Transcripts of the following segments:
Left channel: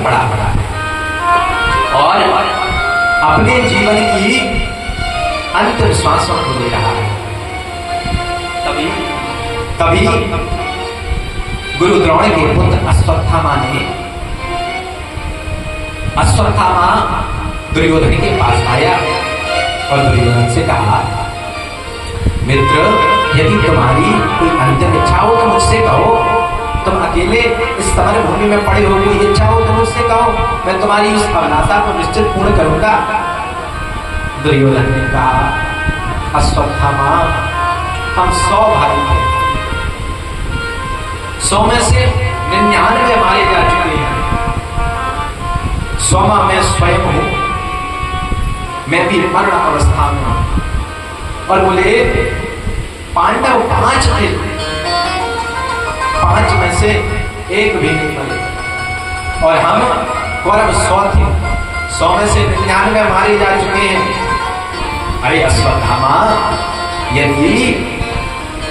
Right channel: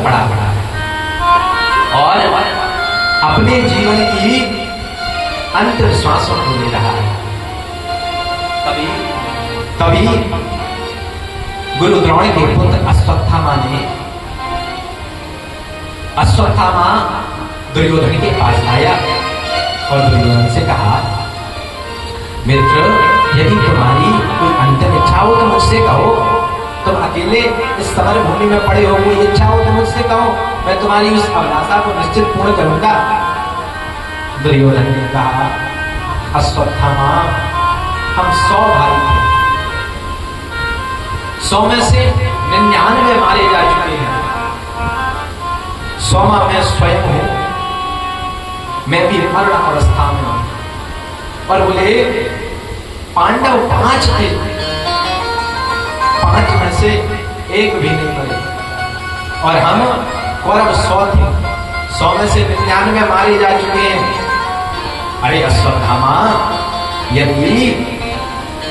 पर पड़ा और अपने जीवन की अंतिम श्वासों को ले रहा है। तभी गुरु द्रोण के पुत्र अश्वत्थामा दुर्योधन के पास आया और दुर्योधन से कहा, मित्र, यदि तुम्हारी कोई अंतिम इच्छा हो तो मुझसे कहो। तुम अकेले इस समर भूमि में पड़े हो, कोई इच्छा हो तो मुझसे कहो, मैं तुम्हारी उस अभिलाषा को निश्चित पूर्ण करूंगा। दुर्योधन ने कहा, अश्वत्थामा, हम 100 भाई हैं, 100 में से 99 मारे जा चुके हैं, 100वां मैं स्वयं हूं, मैं भी मरण अवस्था में हूं। और बोले पांडव 5 थे, 5 में से एक भी नहीं बने, और हम कौरव 100 थे, 100 में से 99 मारे जा चुके हैं। अरे अश्वत्थामा, यदि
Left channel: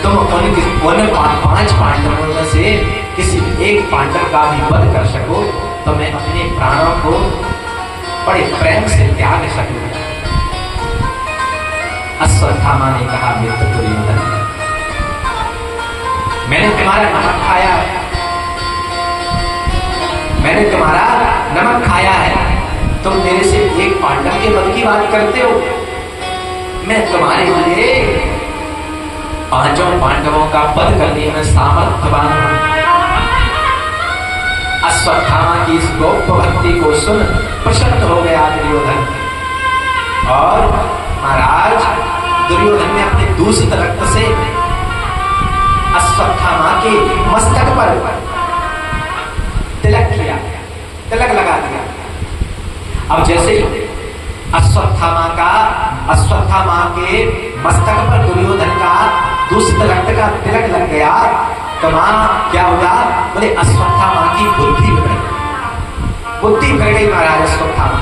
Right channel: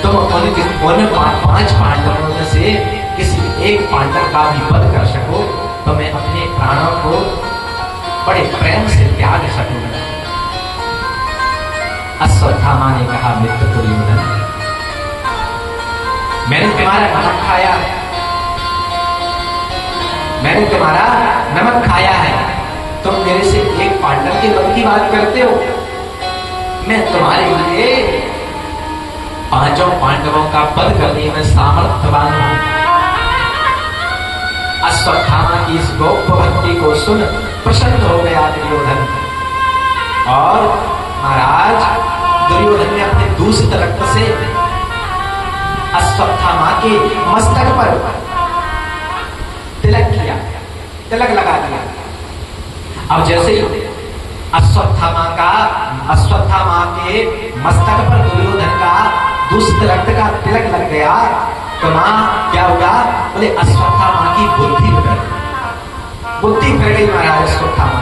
तुम उन 5 पांडवों में से किसी एक पांडव का भी वध कर सको तो मैं अपने प्राणों को बड़े प्रेम से त्याग सकूंगा। अश्वत्थामा ने कहा, मित्र दुर्योधन, मैंने तुम्हारा नमक खाया है, मैंने तुम्हारा नमक खाया है, तुम मेरे से एक पांडव के वध की बात करते हो। मैं तुम्हारे लिए 5 पांडवों का वध करने में सामर्थ्यवान हूं। अश्वत्थामा की इस गोप्य भक्ति को सुन प्रसन्न हो गया दुर्योधन, और महाराज दुर्योधन ने अपने दूसरे रक्त से अश्वत्थामा के मस्तक पर तिलक किया, तिलक लगा दिया। अब जैसे अश्वत्थामा के मस्तक पर दुर्योधन का दूसरे रक्त का तिलक लग गया तो मां क्या होगा? बोले अश्वत्थामा की बुद्धि बिगड़ गई महाराज अश्वत्थामा।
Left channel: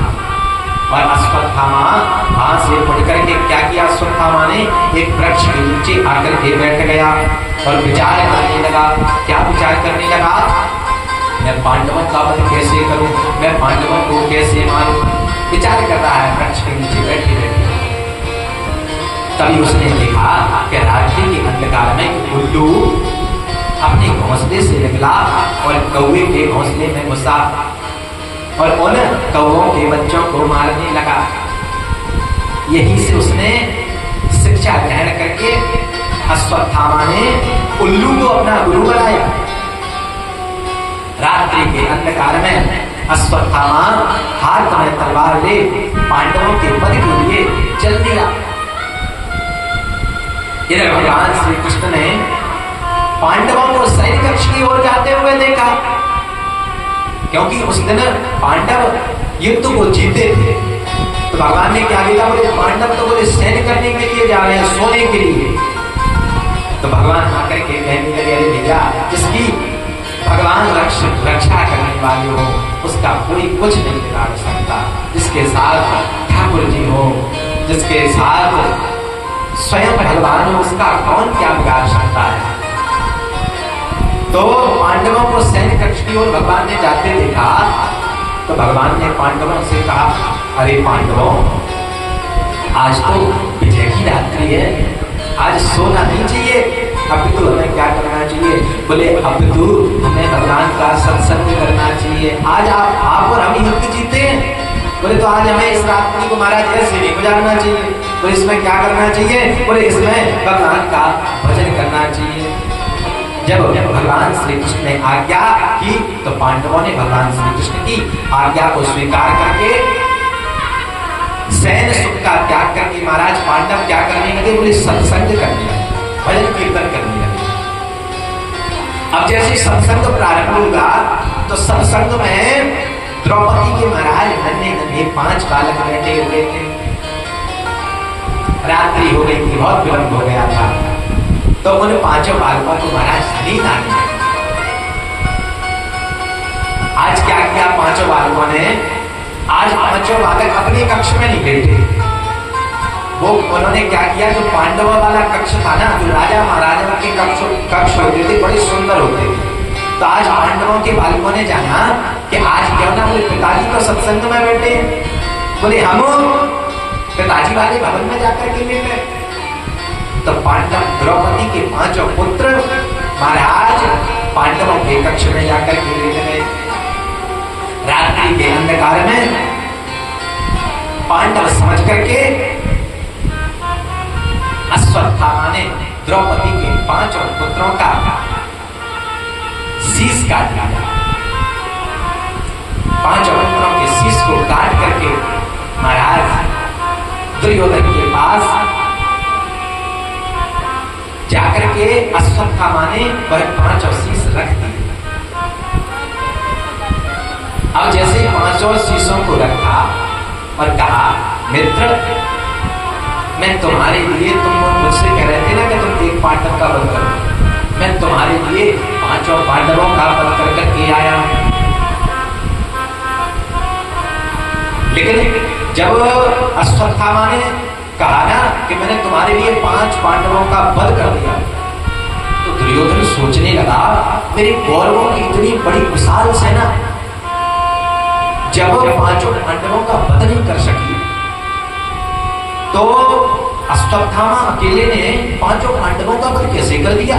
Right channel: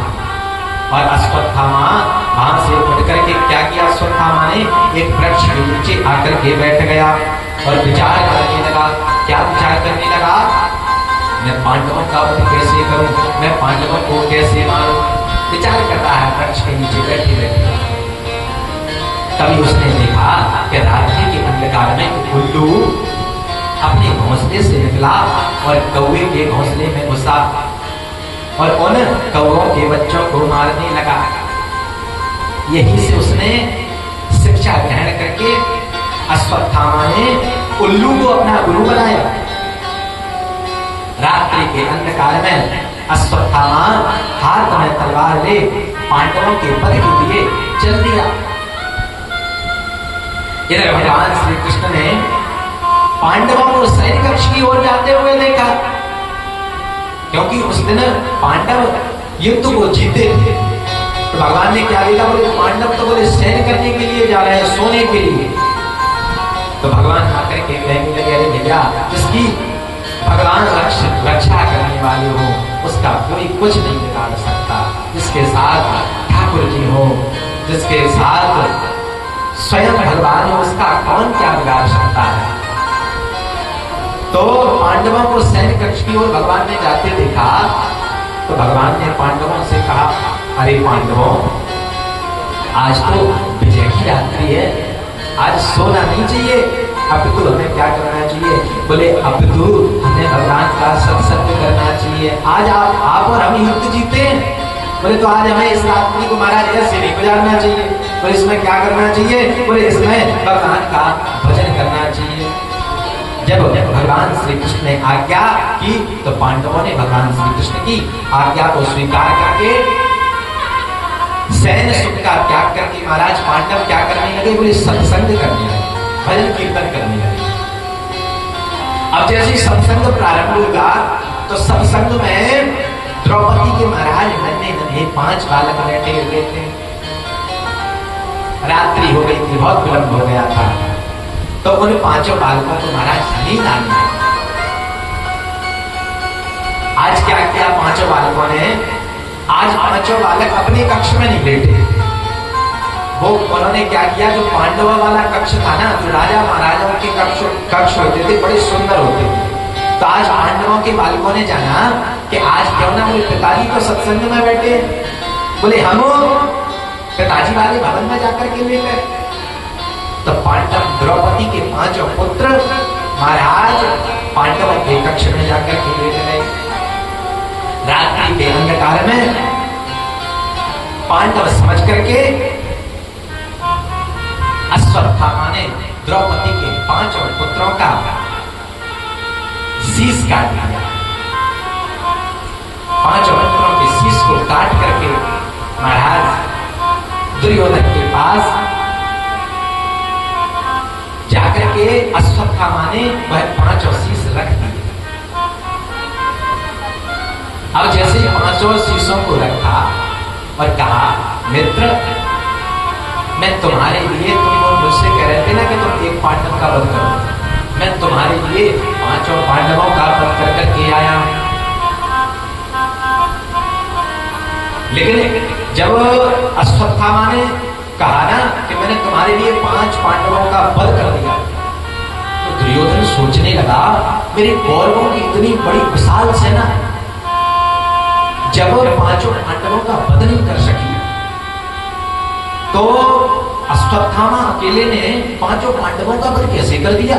और अश्वत्थामा वहां से उठ करके क्या किया? अश्वत्थामा ने एक वृक्ष के नीचे आकर के बैठ गया और विचार करने लगा। क्या विचार करने लगा? मैं पांडवों का वध कैसे करूं, मैं पांडवों को कैसे मारूं, विचार कर रहा है वृक्ष के नीचे बैठे बैठे। तभी उसने देखा कि रात्रि के अंधकार में उल्लू अपने घोंसले से निकला और कौवे के घोंसले में घुसा और उन कौवों के बच्चों को मारने लगा। यही से उसने शिक्षा ग्रहण करके अश्वत्थामा ने उल्लू को अपना गुरु बनाया। रात्रि के अंधकार में अश्वत्थामा हाथ में तलवार ले पांडवों के वध के लिए चल दिया। इधर भगवान श्री कृष्ण ने पांडवों को सैन्य कक्ष की ओर जाते हुए देखा, क्योंकि उस दिन पांडव युद्ध को जीते थे। तो भगवान ने क्या देखा? बोले पांडव तो बोले सैन्य करने के लिए जा रहे हैं, सोने के लिए। तो भगवान आकर के कहने लगे, अरे भैया, जिसकी भगवान रक्षा करने वाले हो उसका कोई कुछ नहीं बिगाड़ सकता। जिसके साथ ठाकुर जी हो, जिसके साथ स्वयं भगवान हो, उसका कौन क्या बिगाड़ सकता है। तो पांडवों को सैन्य कक्ष की ओर भगवान ने जाते देखा तो भगवान ने पांडवों से कहा, अरे पांडवों, आज तो विजय की रात्रि है, आज सोना नहीं चाहिए, अब तो हमें क्या करना चाहिए? बोले अब तो हमें भगवान का सत्संग करना चाहिए। आज आप और हम युद्ध जीते हैं। बोले तो आज हमें इस रात्रि को महाराज ऐसे नहीं गुजारना चाहिए। तो इसमें क्या करना चाहिए? बोले इसमें भगवान का भजन करना चाहिए। जब भगवान श्री कृष्ण ने आज्ञा की तो पांडवों ने भगवान श्री कृष्ण की आज्ञा को स्वीकार करके सैन्य सुख का त्याग करके महाराज पांडव क्या करने लगे? बोले सत्संग करने लगे, भजन कीर्तन करने लगे। अब जैसे सत्संग प्रारंभ होगा तो सत्संग में द्रौपदी के महाराज नन्हे 5 बालक बैठे हुए थे। रात्रि हो गई थी, बहुत विलंब हो गया था, तो उन 5 बालकों को महाराज नींद आने लगी। आज क्या किया 5 बालकों ने? आज 5 बालक अपने कक्ष में नहीं बैठे, वो उन्होंने क्या किया? जो पांडवों वाला कक्ष था ना, जो राजा महाराजा के कक्ष होते थे, बड़े सुंदर होते थे। तो आज पांडवों के बालकों ने जाना कि आज क्यों ना कोई तो सत्संग में बैठे हैं। बोले हम पिताजी वाले भवन में जाकर के ले गए। तो पांडव द्रौपदी के 5 पुत्र महाराज पांडवों के कक्ष में जाकर के ले गए। रात्रि के अंधकार में पांडव समझ करके अश्वत्थामा ने द्रौपदी के 5 पुत्रों का शीश काट लिया। 5 पुत्रों के शीश को काट करके महाराज दुर्योधन के पास जाकर के अश्वत्थामा ने वह 5 शीश रख दिए। अब जैसे 5 शीशों को रखा और कहा, मित्र मैं तुम्हारे लिए, तुम मुझसे कह रहे थे ना कि तुम एक पांडव का वध करो, मैं तुम्हारे लिए 5 पांडवों का वध कर करके आया हूं। लेकिन जब अश्वत्थामा ने कहा ना कि मैंने तुम्हारे लिए 5 पांडवों का वध कर दिया, तो दुर्योधन सोचने लगा, मेरे कौरवों की इतनी बड़ी विशाल सेना जब 5 पांडवों का वध नहीं कर सकी, तो अश्वत्थामा अकेले ने 5 पांडवों का वध कैसे कर दिया?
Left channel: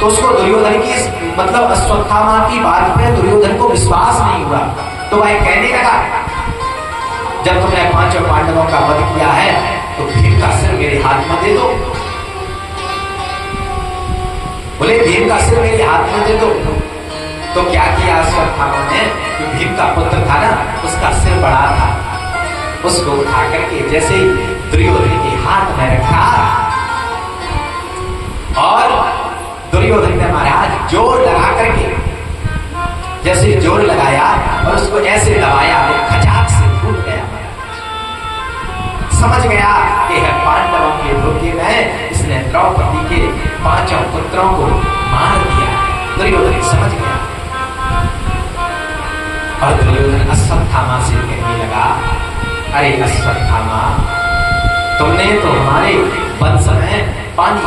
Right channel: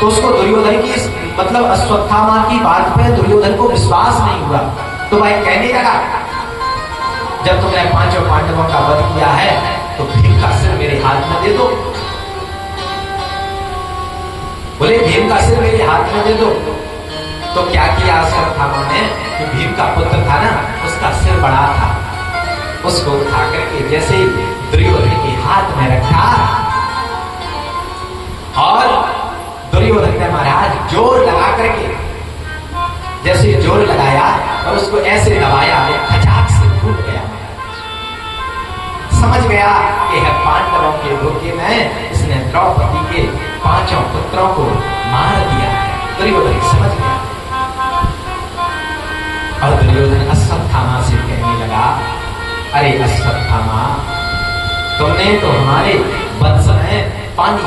तो उसको दुर्योधन की, मतलब अश्वत्थामा की बात पे दुर्योधन को विश्वास नहीं हुआ। तो भाई कहने लगा, जब तुमने 5 पांडवों का वध किया है तो भीम का सिर मेरे हाथ में दे दो। बोले भीम का सिर मेरे हाथ में दे दो। तो क्या किया अश्वत्थामा ने, जो भीम का पुत्र था ना, उसका सिर बड़ा था, उसको उठा करके जैसे ही दुर्योधन के हाथ में रखा और दुर्योधन ने महाराज जोर लगा करके, जैसे जोर लगाया और उसको ऐसे दबाया, वो खचाक से फूट गया। समझ गया कि है पांडवों के धोखे में इसने द्रौपदी के 5 पुत्रों को मार दिया। दुर्योधन समझ गया और दुर्योधन अश्वत्थामा से कहने लगा, अरे अश्वत्थामा, तुमने तो हमारे वंश में पानी